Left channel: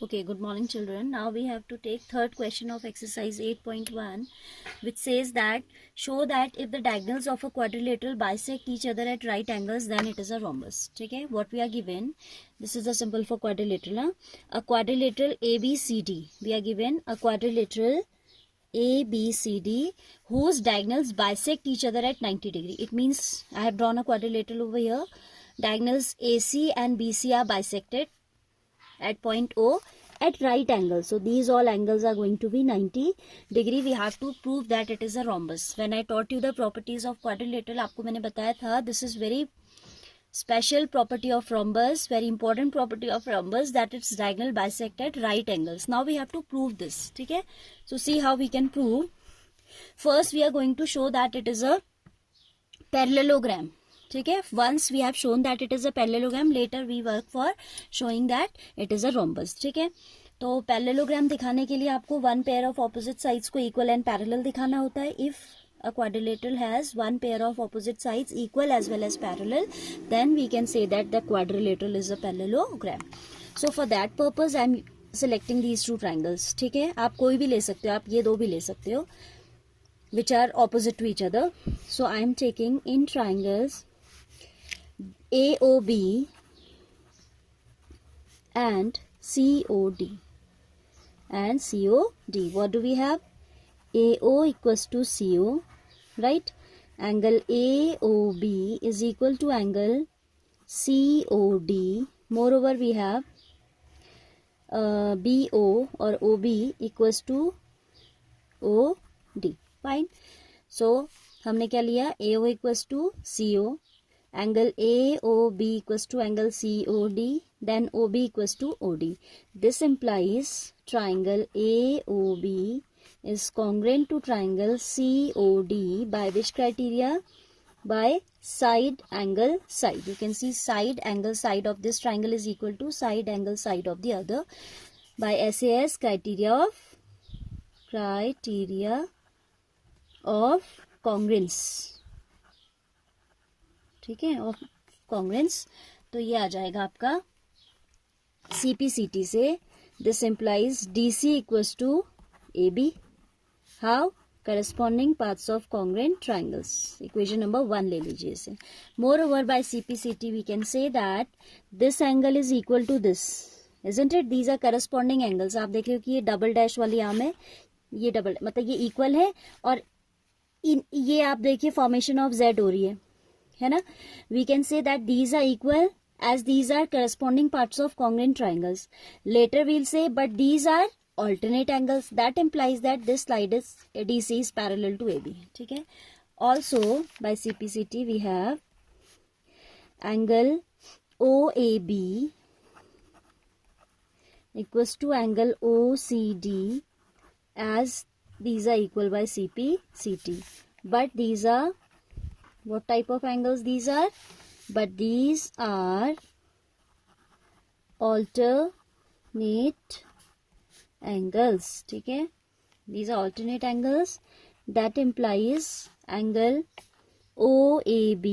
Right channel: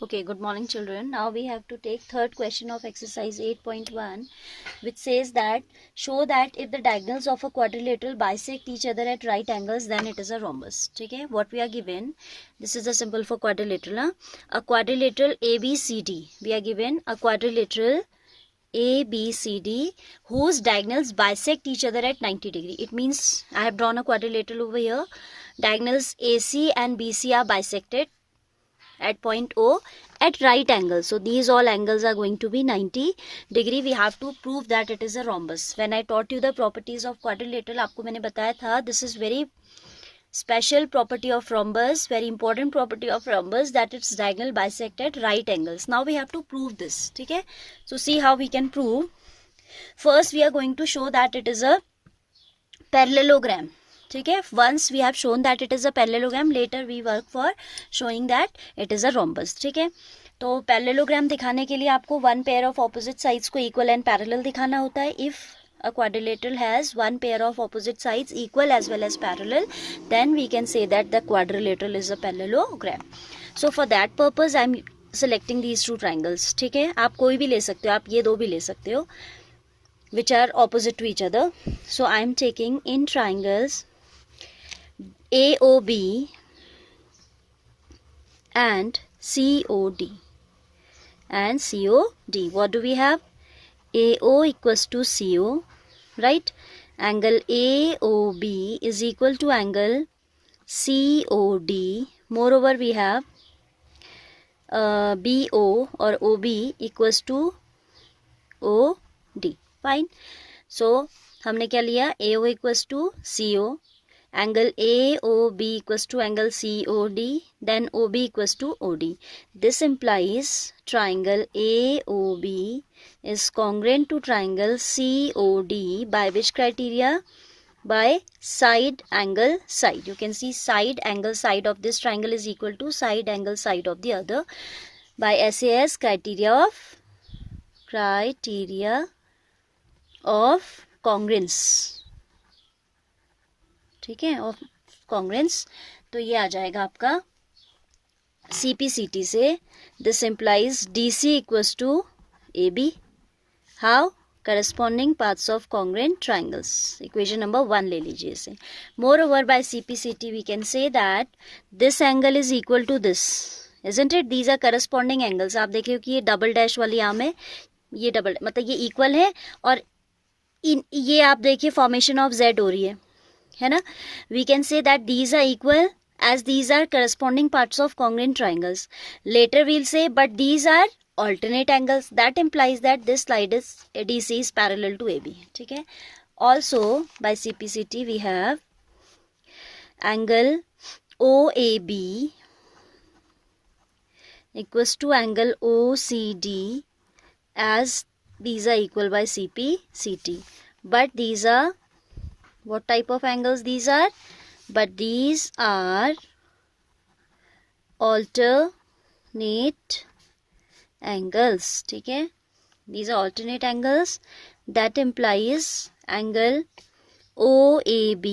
Okay, good morning children. Now we have to take third question of exercise 8.1, which says that show that if the diagonals of a quadrilateral bisect each other at right angles, then it is a rhombus. Okay, what we are given, this is the symbol for quadrilateral. A quadrilateral ABCD. We are given a quadrilateral ABCD whose diagonals bisect each other at 90 degree. It means I have drawn a quadrilateral over here. Diagonals AC and BC are bisected at point O at right angles. So these all angles are going to be 90 degree. We have to prove that it is a rhombus. When I taught you the properties of quadrilateral, आपको मैंने बताया था, this is very special property of rhombus, very important property of rhombus, that its diagonal bisect at right angles. Now we have to prove this. ठीक है? So see how we can prove. First we are going to show that it is a parallelogram. ठीक है, once we have shown that it is a parallelogram, later we work for showing that it is a rhombus. ठीक है, तो parallelogram दिखाने के लिए आपको one pair of opposite sides को इक्वल एंड पैरेलल दिखाना होता है. If a quadrilateral has one pair of opposite sides equal as well as parallel, then we can say that the quadrilateral is a parallelogram. So for that purpose I am selecting these two triangles. ठीक है, आप कोई भी ले सकते हो, आप ये दो भी ले सकते हो, which are opposite to each other. So I am taking in triangles AOB and COD and COD. What do we have? AO equals to CO, right? Angle AOB is equal to angle COD. Moreover, we have BO or OB equals to OD. Fine. So हमने क्या लिया? AO equals to CO. Angle AOB equals to angle COD, then OB equals to OD. This implies triangle AOB is congruent to triangle COD by which criteria? By side angle side. You can see side angle side of this triangle is equal to side angle side of the other by SAS criteria of congruence. ठीक है, of congruence. तो ये आ जाएगा आपका CPCT से. This implies DC equals to AB. How? Corresponding parts of congruent triangles. Equation number 1 ले लीजिए इसे. Moreover by CPCT we can say that this angle is equal to this, isn't it? These are corresponding angles. आप देख रहे हो कि ये double dash वाली आर्म है, ये डबल, मतलब ये इक्वल है, और ये आप देखिए फॉर्मेशन ऑफ Z हो रही है ना. We can say that these are equal as these are corresponding parts of congruent triangles. Later we'll say but these are alternate angles. That implies that this slide is DC is parallel to AB. ठीक है. Also by CPCT we have angle OAB equals to angle OCD as these are equal by CPCT. But these are, what type of angles these are? But these are alternate angles. ठीक है, these are alternate angles. That implies angle OAB.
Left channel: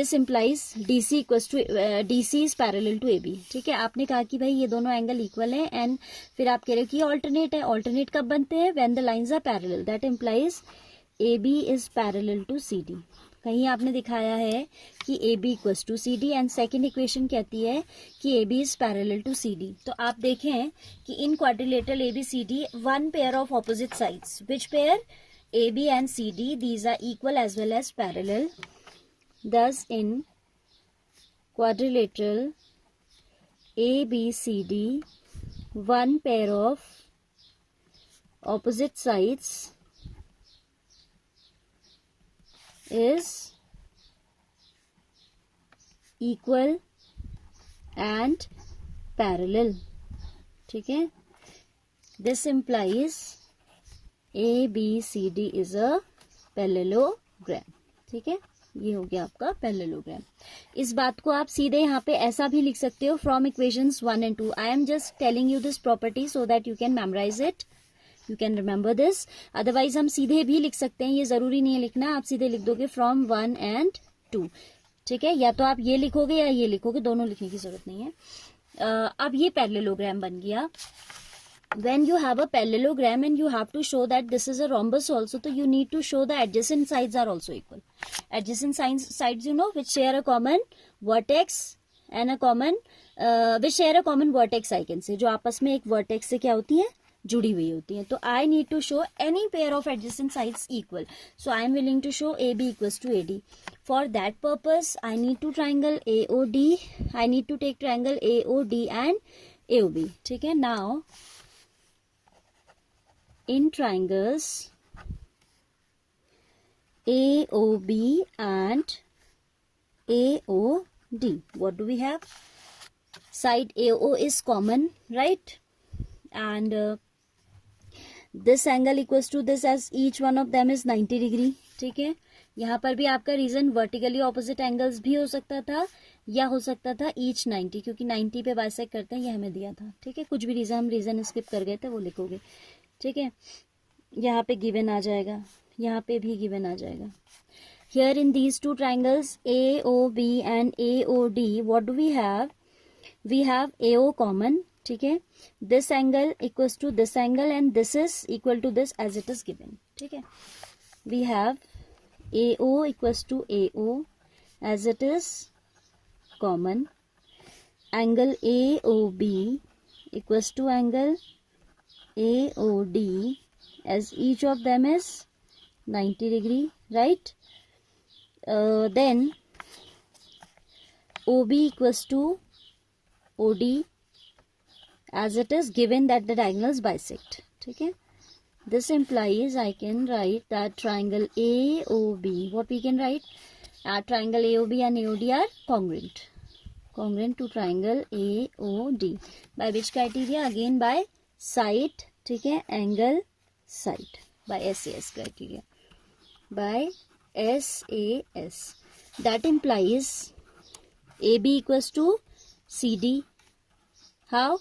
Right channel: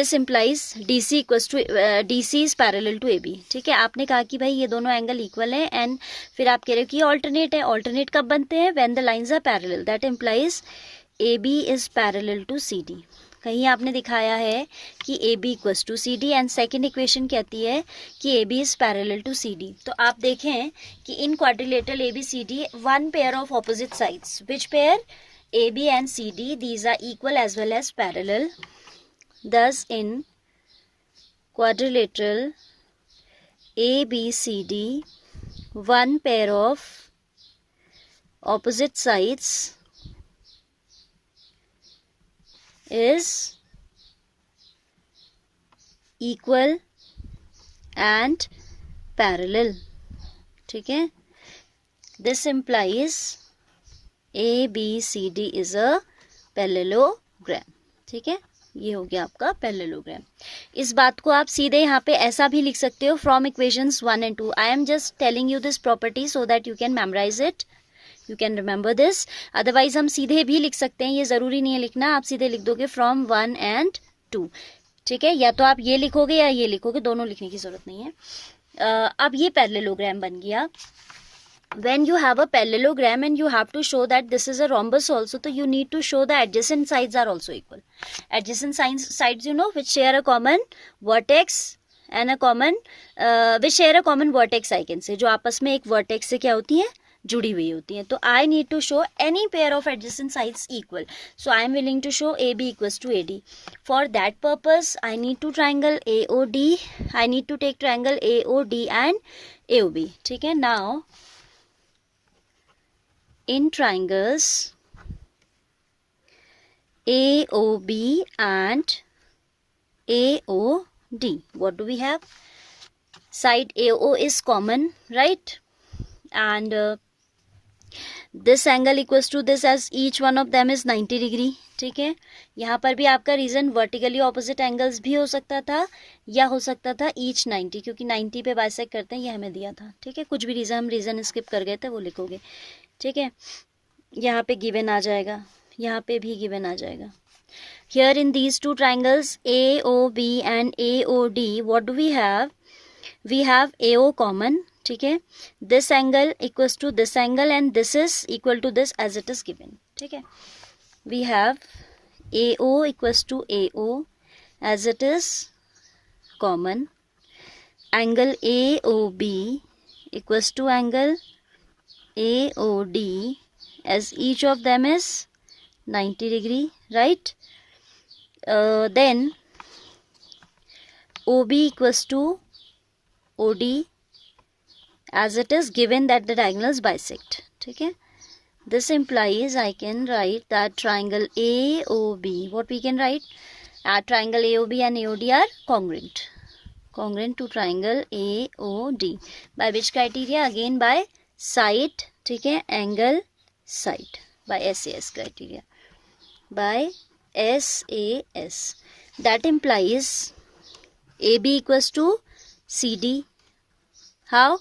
This implies DC equals to DC is parallel to AB. ठीक है, आपने कहा कि भाई ये दोनों एंगल इक्वल है, एंड फिर आप कह रहे हो कि ऑल्टरनेट है. ऑल्टरनेट कब बनते हैं? When the lines are parallel. That implies AB is parallel to CD. कहीं आपने दिखाया है कि AB equals to CD and second equation कहती है कि AB is parallel to CD. तो आप देखें कि इन quadrilateral ABCD one pair of opposite sides. Which pair? AB and CD. These are equal as well as parallel. Thus in quadrilateral ABCD one pair of opposite sides is equal and parallel. ठीक है, this implies ABCD is a parallelogram. ठीक है, ये हो गया आपका parallelogram. इस बात को आप सीधे यहाँ पे ऐसा भी लिख सकते हो from equations 1 and 2. I am just telling you this property so that you can memorise it, you can remember this. Otherwise हम सीधे भी लिख सकते हैं, ये ज़रूरी नहीं है लिखना. आप सीधे लिख दोगे फ्रॉम 1 and 2. ठीक है, या तो आप ये लिखोगे या ये लिखोगे, दोनों लिखने की जरूरत नहीं है। अब ये पैरेललोग्राम बन गया। When you have a parallelogram and you have to show that this is a rhombus also, so you need to show the adjacent sides are also equal. Adjacent sides, you know, which share a common vertex and a common which share a common vertex, I can say, जो आपस में एक vertex से क्या होती है, जुड़ी हुई होती हैं. तो I need to show any pair of adjacent sides equal. So I am willing to show AB equals to AD. For that purpose, I need to triangle AOD. I need to take triangle AOD and AOB. ठीक है. Now in triangles AOB and AOD, what do we have? Side AO is common, right? And this angle equals to this, as each one of them is 90 degree. ठीक है. यहाँ पर भी आपका reason vertically opposite angles भी हो सकता था या हो सकता था ईच 90, क्योंकि 90 पे बाइसेक्ट करते हैं, ये हमें दिया था. ठीक है, कुछ भी रीजन हम रीजन स्किप कर गए थे, वो लिखोगे. ठीक है, यहाँ पे गिवन आ जाएगा, यहाँ पे भी गिवन आ जाएगा. Here in these two triangles AOB and AOD, what do we have? We have AO common. ठीक है, this angle equals to this angle and this is equal to this as it is given. ठीक है, we have AO equals to AO as it is common. Angle AOB equals to angle AOD as each of them is 90 degree, right? Then OB equals to OD as it is given that the diagonals bisect. ठीक है, this implies I can write that triangle AOB, what we can write, triangle AOB and AOD are congruent to triangle AOD. By which criteria? Again by side. ठीक है, angle side, by SAS criteria, by SAS. That implies AB equals to CD. How?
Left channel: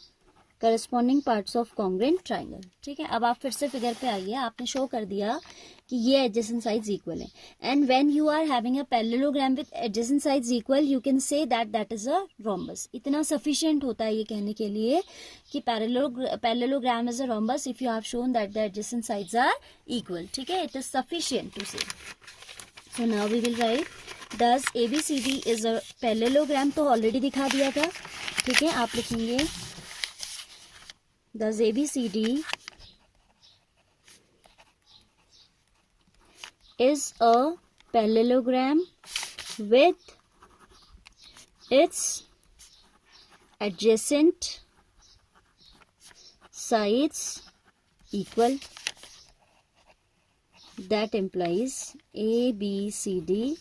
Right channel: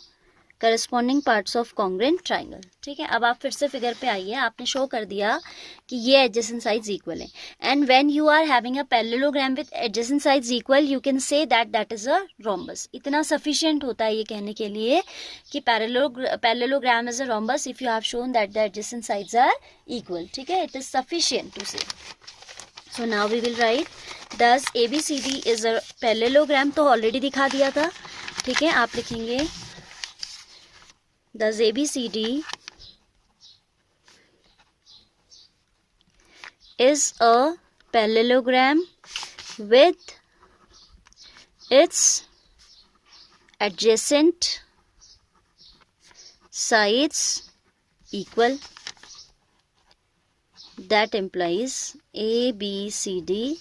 Corresponding parts of congruent triangle. ठीक है, अब आप फिर से figure पे आइए. आपने शो कर दिया कि ये adjacent sides equal है. And when you are having a parallelogram with adjacent sides equal, you can say that that is a rhombus. इतना sufficient होता है ये कहने के लिए कि parallelogram is a rhombus if you have shown that the adjacent sides are equal. ठीक है, it is sufficient to say. So now we will write thus ABCD is a parallelogram. तो already दिखा दिया था. ठीक है, आप लिखेंगे thus ABCD is a parallelogram with its adjacent sides equal. That implies ABCD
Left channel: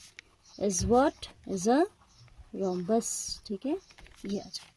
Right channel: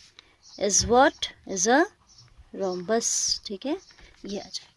is what? Is a rhombus. ठीक है, ये आ जाए.